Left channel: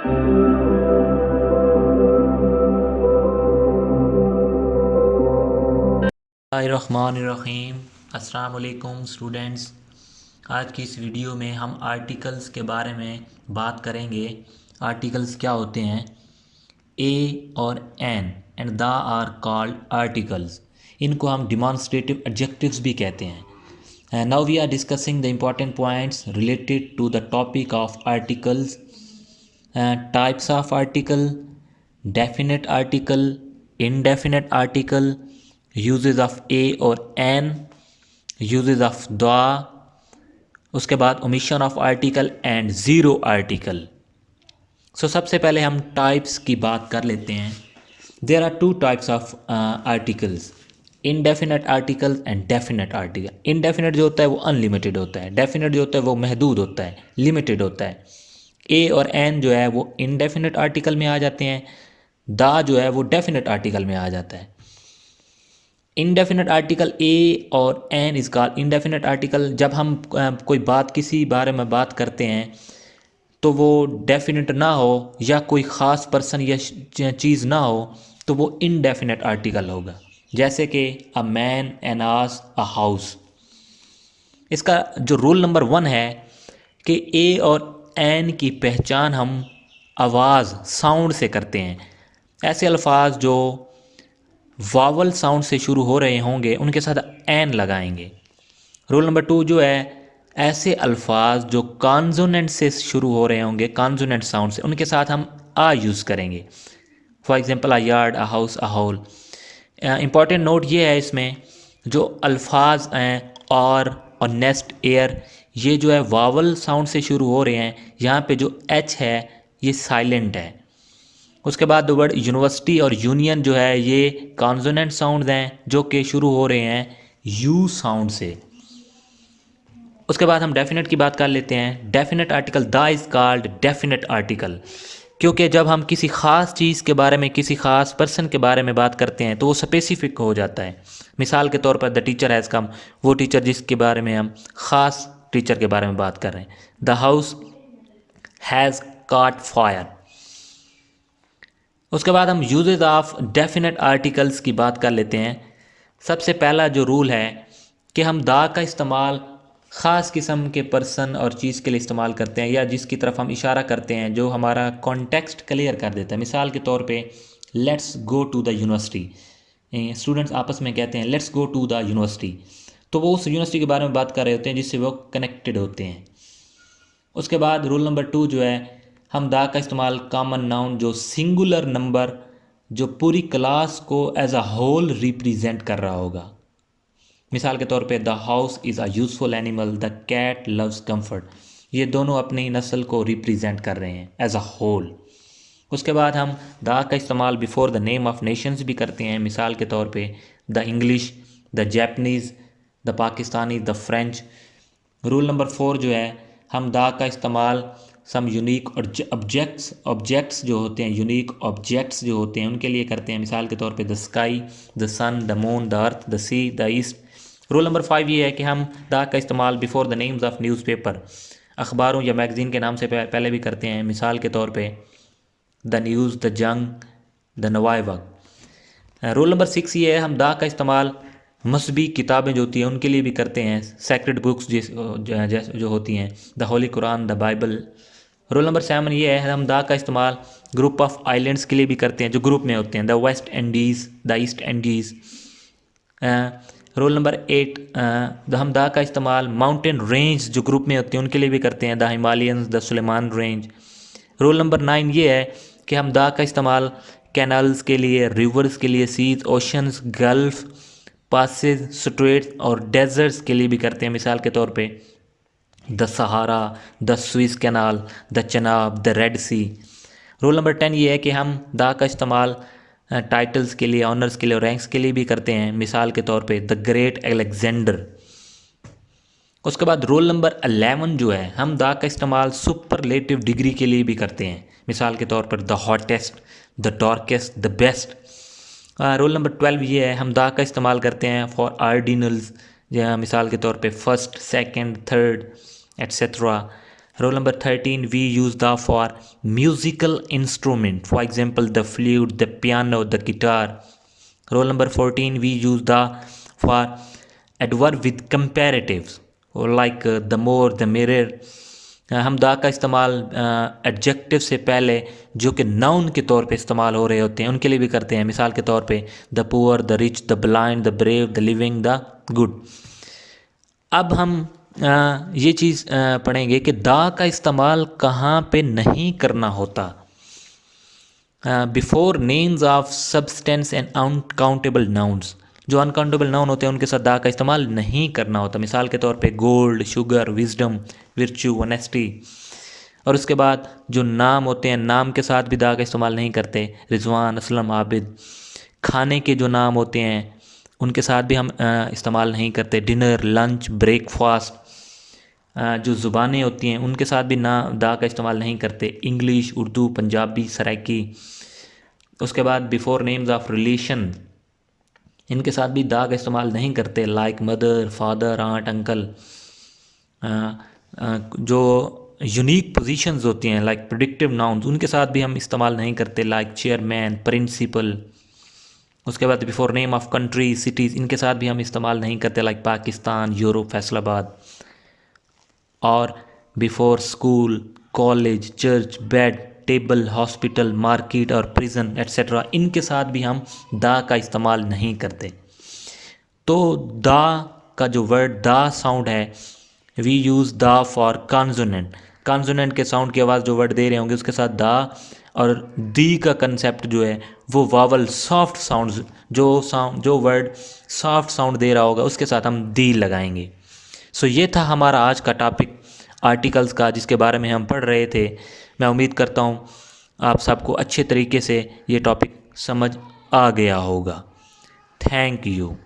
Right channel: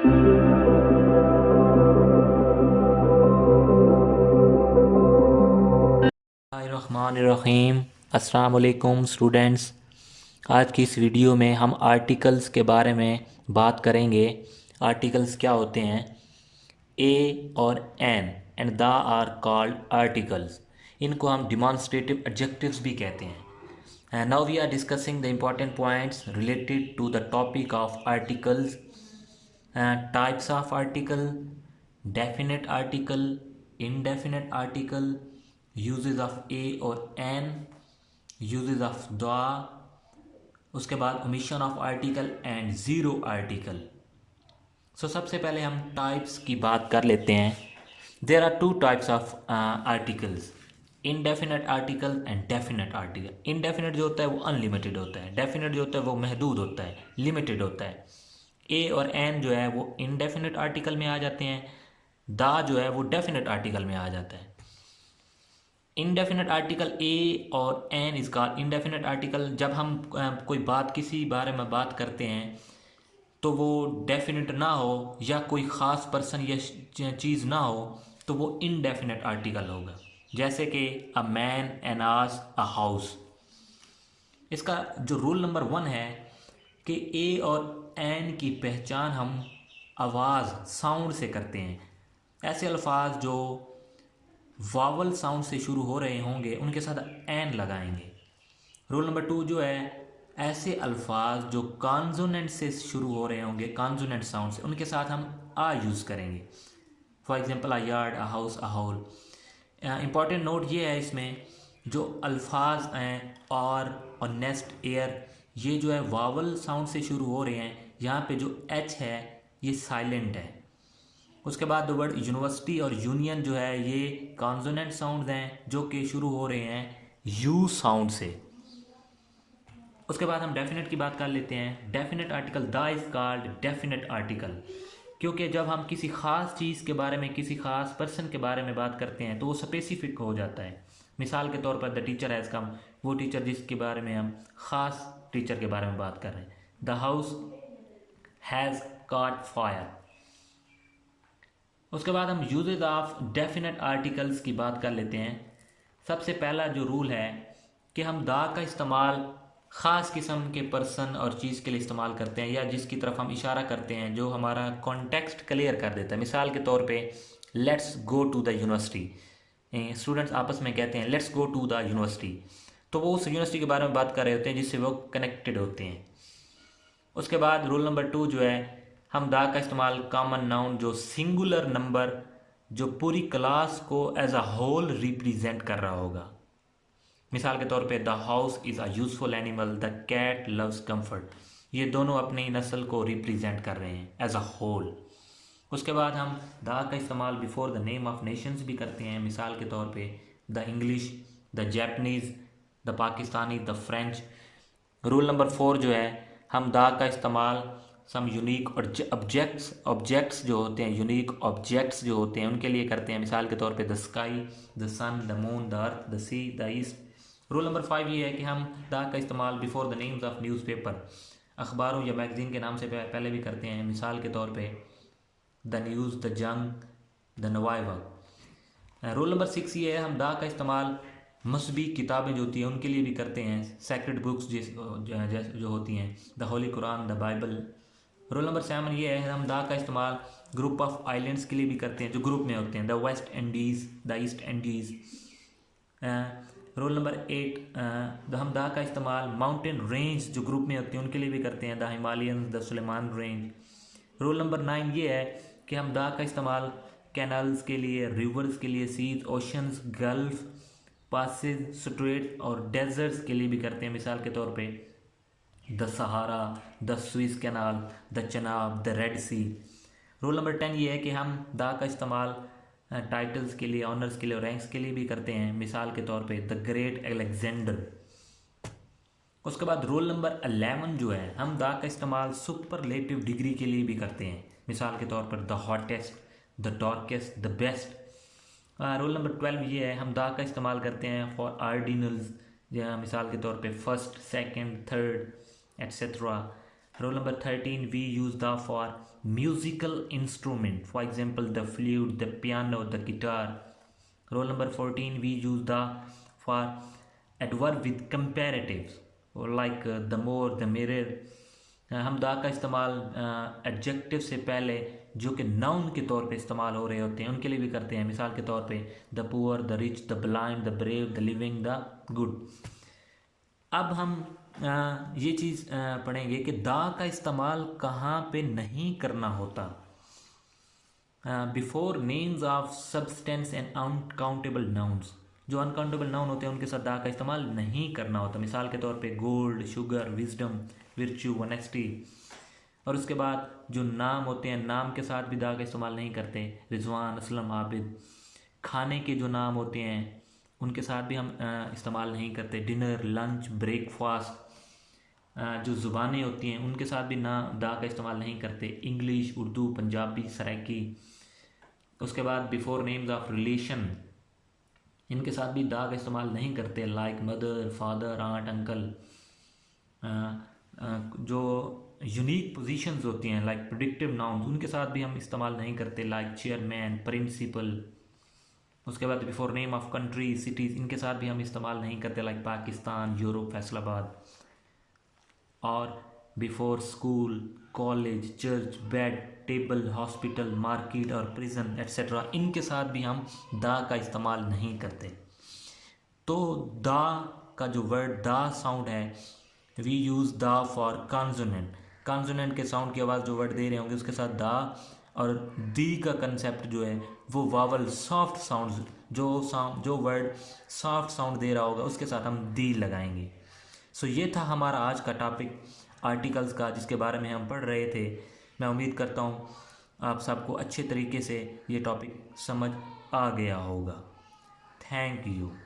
बिस्मिल्लाहिर्रहमानिर्रहीम। अस्सलाम वालेकुम स्टूडेंट्स। आज की इस वीडियो में हम आर्टिकल्स के बारे में बात करेंगे। आर्टिकल्स क्या होते हैं? ए और an and the are called articles. इनको हम डिमॉन्स्ट्रेटिव एडजेक्टिव्स भी कहते हैं। Now we are discussing the important points related to the topic of articles. Types of article, definite article, indefinite article, uses of a और an, uses of the, उसके बाद omission of article and zero article। सबसे पहले हम types की बात कर लेते हैं। There are two types of articles, indefinite article and definite article. Indefinite जो होता है वो अनलिमिटेड होता है, डेफिनेट जो होता है वो महदूद होता है, लिमिटेड होता है। ए और एन जो है वो इनडेफिनेट आर्टिकल में आ जाते हैं, दा जो है वो डेफिनेट आर्टिकल में आ जाता है। इनडेफिनेट आर्टिकल ए और an is called indefinite article. जब हम कोई बात किसी बारे में बात करते हैं तो वो डेफिनेट ना हो या कोई ख़ास पर्सन या चीज़ ना हो तो वो इनडेफिनेट आर्टिकल होगा। जैसे कि a man, an ass, a house. इसका जो रूल नंबर 1 है कि ए और एन की पहचान हम आवाज़, साउंड से करते हैं। ऐसे अल्फाज जो वावल साउंड से शुरू हो रहे होंगे उनके साथ एन लगाएंगे। रूल नंबर 2 जो है, ऐसे अल्फाज जो कॉन्सोनेंट से शुरू हो रहे होंगे, कॉन्सोनेंट साउंड से, उनके साथ हम आ यूज़ करेंगे। For example a yard, a house, a hole. Important note ये है इसमें, जो अल्फाज हैं और नेस्ट, एयर, ये जो है वावल साउंड से शुरू हो रहे हैं, यहाँ पे जो एच है ये साइलेंट है। उसके बाद वर्ड यूनिवर्सिटी और यूनियन जो है ये कॉन्सोनेंट साउंड हैं जो कि शुरू हो रहे हैं यू साउंड से। उसके बाद हम डेफिनेट की बात कर लेते हैं। Definite article, the is called definite article, क्योंकि जब हम किसी ख़ास चीज़ के बारे में, किसी ख़ास पर्सन के बारे में बात करते हैं तो वो स्पेसिफिक हो जाता है। मिसाल के तौर पर द टीचर हैज़ कम, वो टीचर जिसके बारे में हम ख़ास टीचर के बारे में बात कर रहे हैं। The house has cot fire. उसके बाद हम यूजेज ऑफ डेफिनेट आर्टिकल्स की बात कर लेते हैं। सबसे पहला जो रूल है कि हम दा का इस्तेमाल ख़ास किस्म के पर्सन और चीज़ के लिए इस्तेमाल करते हैं, या जिसकी तरफ हम इशारा करते हैं जो हमारा कॉन्टेक्स्ट क्लियर कर देता है। मिसाल के तौर पे let's go to the university. Students आपस में कहते हैं let's go to the university, तो वो उस यूनिवर्सिटी के बारे में बात कर रहे होते हैं जिससे वो कनेक्टेड होते हैं। उसके बाद रूल नंबर 2 जो है, हम दा का इस्तेमाल कॉमन नाउन, जो सिंगुलर नंबर जो पूरी क्लास को एज अ होल रिप्रेजेंट कर रहा होगा। मिसाल के तौर पे the house is a useful animal, the cat loves comfort. ये दोनों अपनी नस्ल को रिप्रेजेंट कर रहे हैं एज अ होल। उसके बाद हम द का इस्तेमाल before the name of Nations भी करते हैं। मिसाल के तौर पे the English, the Japanese, the Pakistani, the French. Rule number 4 जो है, हम दा का इस्तेमाल सम यूनिक ऑब्जेक्ट्स जो होते हैं, यूनिक ऑब्जेक्ट्स जो होते हैं उनके लिए करते हैं। मिसाल के तौर पे the sky, the sun, the moon, the earth, the sea, the east. Rule number 5 ये है कि हम दा का इस्तेमाल before the names of newspaper, अखबारों या मैगज़ीन के नाम से पहले भी करते हैं। मिसाल के तौर पे द न्यूज़, द जंग, द नवाए वक्त। रूल नंबर 6 ये है, हम दा का इस्तेमाल मजहबी किताबें जो होती हैं उनके लिए भी करते हैं। सेक्रेड बुक्स जो होती हैं, the Holi Quran, the Bible. Rule number 7 ये है, हम दा का इस्तेमाल ग्रुप ऑफ आइलैंड्स के लिए भी करते हैं जो ग्रुप में होते हैं, the West Indies, the east Indies. Rule number 8, हम दा का इस्तेमाल माउंटेन रेंज जो ग्रुप में होते हैं उनके लिए भी करते हैं, the Himalayas, the Sulaiman range. Rule number 9 ये है कि हम दा का इस्तेमाल कैनल्स के लिए, रिवर्स के लिए, seas, oceans, gulf, passes, straits और डेजर्ट्स के लिए भी करते हैं। मिसाल के तौर पे the Sahara, the Suez canal, the Chenab, the Red Sea. Rule number 10 ये है कि हम दा का इस्तेमाल टाइटल्स के लिए, ऑनर्स के लिए और रैंक्स के लिए भी करते हैं। मिसाल के तौर पे द ग्रेट अलेक्जेंडर। उसके बाद रूल नंबर 11 जो है, हम दा का इस्तेमाल सुपरलेटिव डिग्री के लिए भी करते हैं। मिसाल के तौर पर the hottest, the darkest, the best. Rule number 12 ये है, हम दा का इस्तेमाल करते हैं फॉर आर्डिनल्स, मिसाल के तौर पे first, second, third etcetera. Roll number 13, we use the for musical instrument, for example the flute, the piano, the guitar. Roll number 14, we use the for adverb with comparatives, or like the more, the mirror. हम the का इस्तेमाल adjective से पहले जो कि noun के तौर पे इस्तेमाल हो रहे होते हैं उनके लिए भी करते हैं। मिसाल के तौर पे the poor, the rich, the blind, the brave, the living, the good. अब हम ये चीज़ पढ़ेंगे कि दा का इस्तेमाल कहाँ पे नहीं करना होता। Before names of substance and uncountable nouns, जो अनकाउंटेबल नाउन होते हैं उनके साथ दा का इस्तेमाल नहीं करना होता। मिसाल के तौर पे गोल्ड, शुगर, विजडम, विर्च्यू, ऑनेस्टी। और उसके बाद जो नाम होते हैं, नाम के साथ भी दा का इस्तेमाल नहीं करते। रिजवान, असलम, आबिद। खाने के जो नाम होते हैं उनके साथ भी हम इस्तेमाल नहीं करते। Dinner, lunch, breakfast. जो ज़ुबानें होती हैं उनके साथ भी ना दा का इस्तेमाल नहीं करते। इंग्लिश, उर्दू, पंजाबी, सराइकी। उसके बाद बिफोर नेम्स ऑफ रिलेशन, इनके साथ भी दा का इस्तेमाल नहीं करते। Like mother, father, aunt, uncle. जो यूनिक पोजीशंस होती हैं लाइक प्रेडिक्टिव नाउन्स, उनके साथ भी हम इस्तेमाल नहीं करते। Like chairman, principal. उसके बाद before name of country, cities, इनके साथ भी हम इस्तेमाल नहीं करते। Like Pakistan, Europe, Faisalabad. और before school, college, church, bed, table, hospital, market और प्रिजन एट्सेट्रा, इनके साथ भी हम दा का इस्तेमाल नहीं करते। तो दा का जो वर्ड दा साउंड है, वी यूज़ दा फॉर कॉन्सोनेंट। कॉन्सोनेंट के साउंड की आवाज़ जो वर्ड दे रहे होंगे उसके साथ दा, और दी का कंसेप्ट जो है वो वावल, सॉफ्ट साउंड्स, जो वर्ड सॉफ्ट साउंड दे रहा होगा उसके साथ हम दी लगाएंगे। सो ये था हमारा आज का टॉपिक आर्टिकल्स का, जिसके बारे में हम पढ़ रहे थे। मैं उम्मीद करता हूँ आप सबको अच्छे तरीके से ये टॉपिक समझ आ गया होगा। Thank you.